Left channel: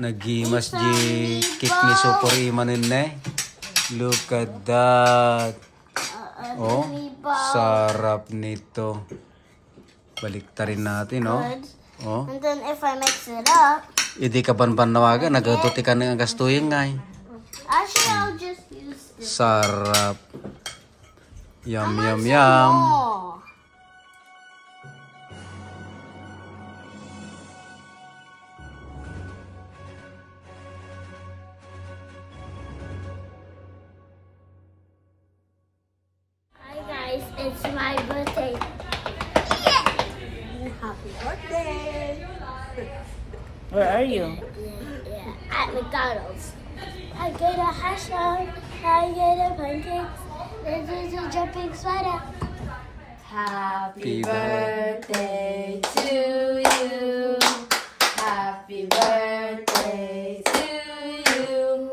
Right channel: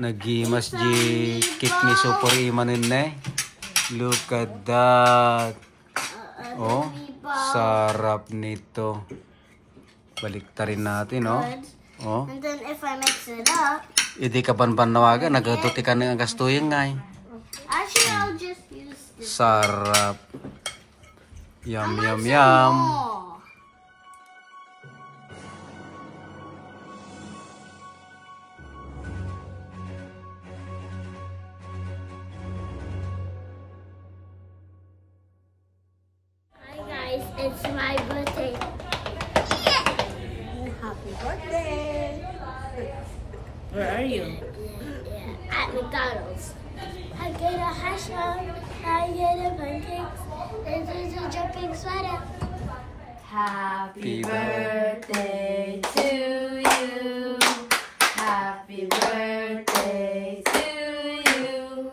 Nagimas di cake ni Super Imanin na. Look at that. Oh, sarap nito. Baliktarin natin, oh. Oh. And then if I mix it up, Hindi ka banbanawagan, nagatuti ka ng gastuyin nga. Actually, I'll just use this. Sarap. Yum, yum, yum. Hi guys, it's my birthday. Happy birthday. Where are you? At McDonald's. I get a hash brown, I get a pancakes, this is a jumping sweater. Happy birthday to you. Happy birthday to you.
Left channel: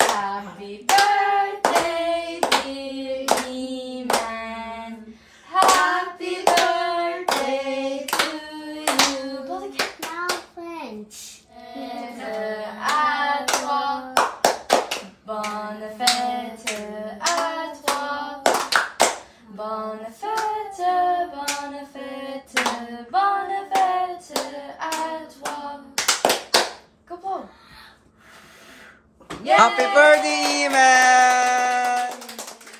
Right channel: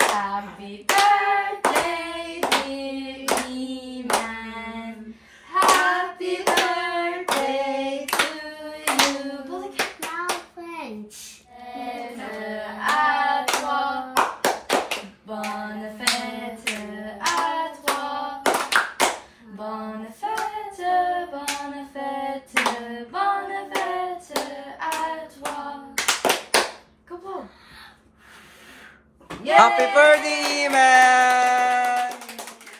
Happy birthday, dear Iman. Happy birthday to you. Now French. Never at all. Bon fête à toi. Bonne fête, bonne fête, bonne fête à toi. Go on. Happy birthday, man!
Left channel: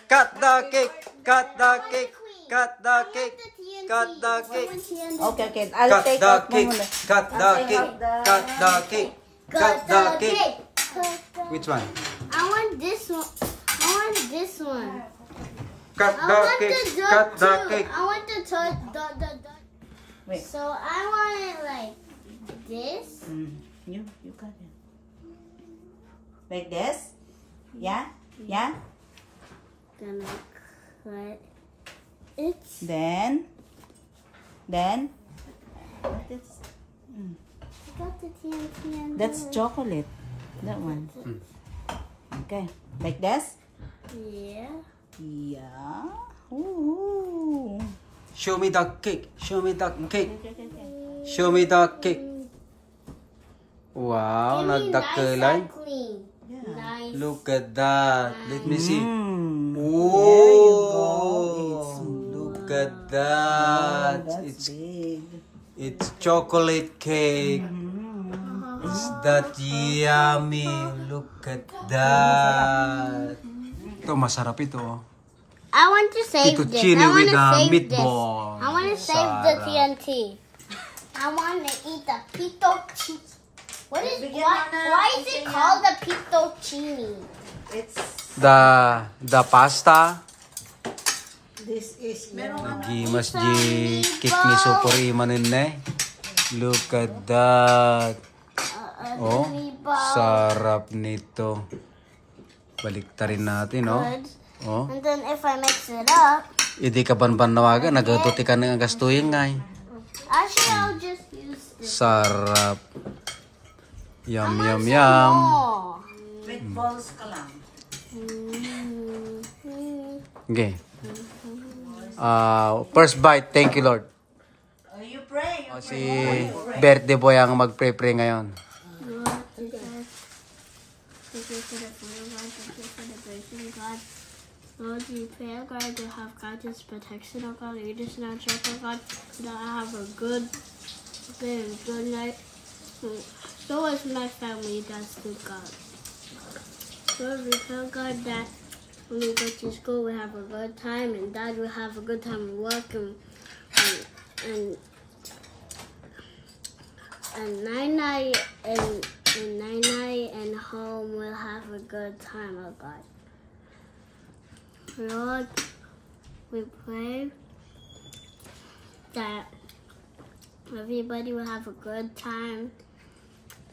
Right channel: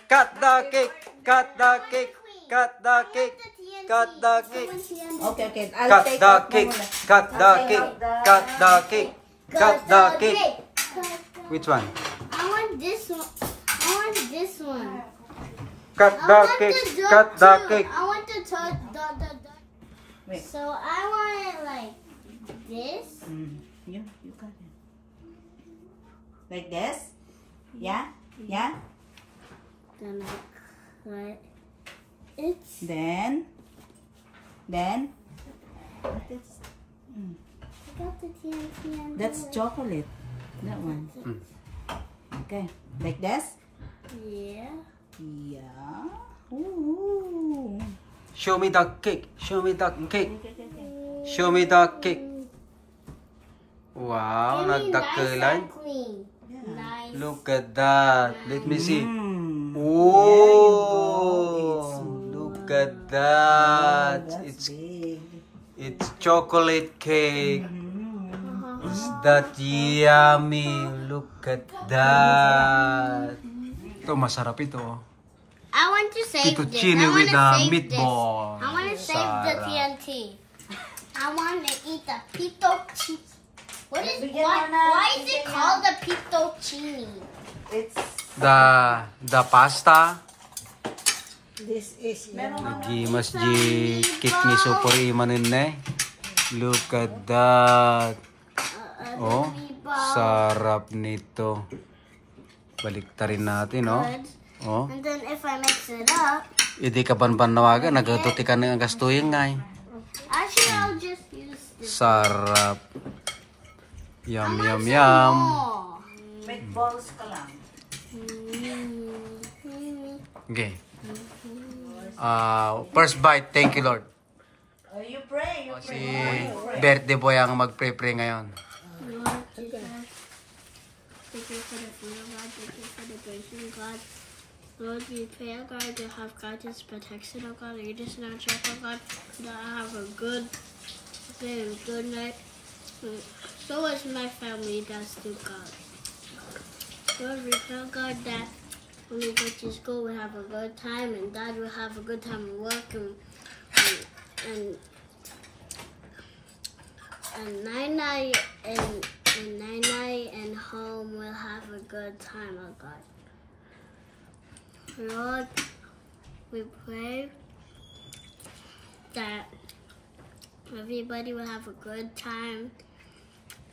Cut the cake, cut the cake, cut the cake, cut the cake. Okay. I'll Cut take the out cake, muna. cut the cake, cut the cake, cut the cake. Which one? I want this one. I want this one. Cut I the want cake, the dot cut the too. cake. I want the dot. Wait. So I want it like this. You cut it. Like this? Yeah? Yeah? Then I cut it. Then? What is? I got the TNT and That's chocolate. That one. Okay. Like this? Yeah. Yeah. Ooh. Show me the cake, show me the cake, Okay. show me the cake. Wow, Give me nice nagdakulay. and clean. Nice. Look at that. Let me see. Very Oh, look at that. That's big. It's chocolate cake. Is that yummy? Look at that. Ito, masarap ito. I want to save this. Fettuccine I with want to a save meatball. this. I want to save the Sarap. TNT. I want to eat the fettuccine. Why is it called the fettuccine? It's The pasta. this is Nagimas di cake ni Super Imanin na. Look at that. Oh, sarap nito. Baliktarin natin, oh. Oh. And then if I mix it up, Hindi ka banbanawagan, nagatuti ka ng gastuyin nga. actually I'll just use this. Sarap. Yum, yum, yum. meatballs ka lang. Okay. First bite, thank you Lord. You pray. Si birthday boy ang mag-pray-pray ngayon. Thank you for the food, God. Thank you for the grace of God. Lord, we pray, oh God, to have God's protection, oh God, lead us in our church, oh God, so that I have a good day and good night. So as my family does to God. Lord, we pray, oh God, that when we go to school, we have a good time, and Dad will have a good time at work, and Nai and home will have a good time, oh God. Lord, we pray that everybody will have a good time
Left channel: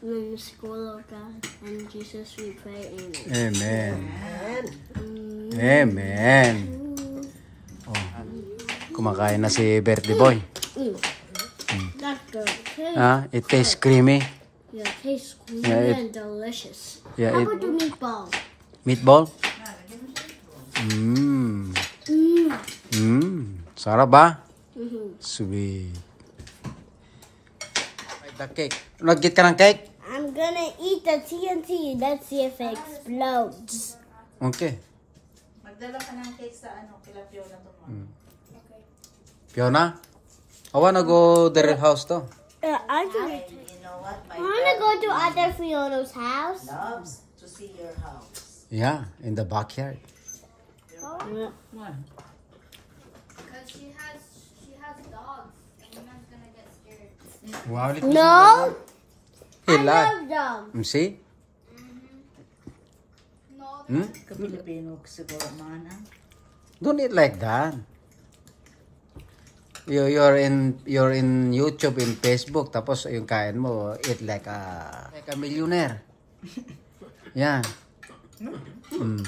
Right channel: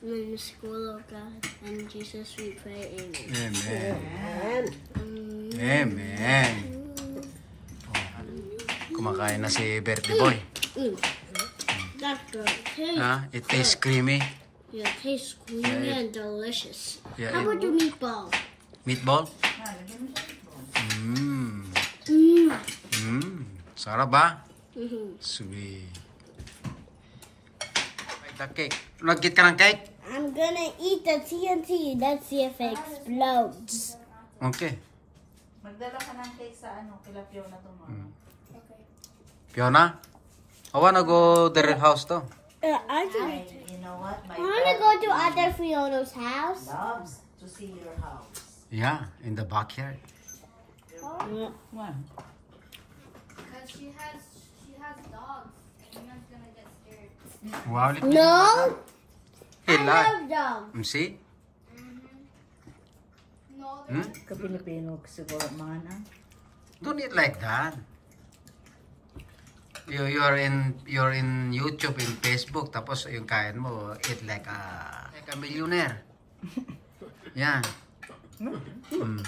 in school, oh God. In Jesus we pray, amen. Amen. Amen. Oh. Kumakain na si birthday boy. That's good. Okay. It tastes creamy. Yeah, it tastes creamy Yeah, and delicious. yeah, How about the meatball? Meatball? Sarap ba? Sweet. The cake. Nag-get ka ng cake? I'm I'm gonna eat the TNT. Let's see if it explodes. Okay. Magdala ka ng cake sa ano, kila Fiona tomorrow. Okay. Fiona, I wanna go their house to. I You know what? My wanna go to other Fiona's house. loves to see your house. Yeah, in the backyard. Why? Because she has dogs. And Yuna's gonna get scared. Wow. No, He I love. love them. See? No, Hmm? Ka-Pilipino siguro mga na. Don't eat like that. You're in YouTube, in Facebook, tapos yung kain mo, eat like a millionaire. Yeah. Mm.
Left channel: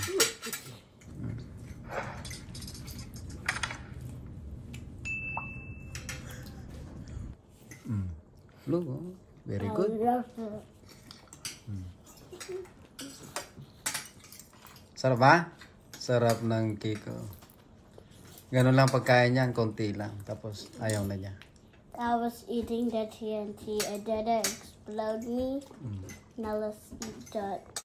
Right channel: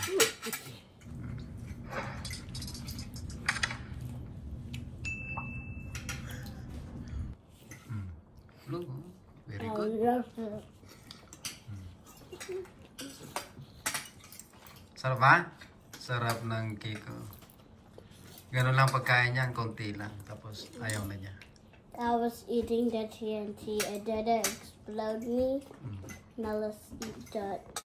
Look, oh, very good. love them. Sarap ba? Sarap ng cake. Oh. Ganun lang pagkain niya, konti lang. Tapos ayaw na niya. I was eating the TNT. It didn't explode me. Now let's eat that.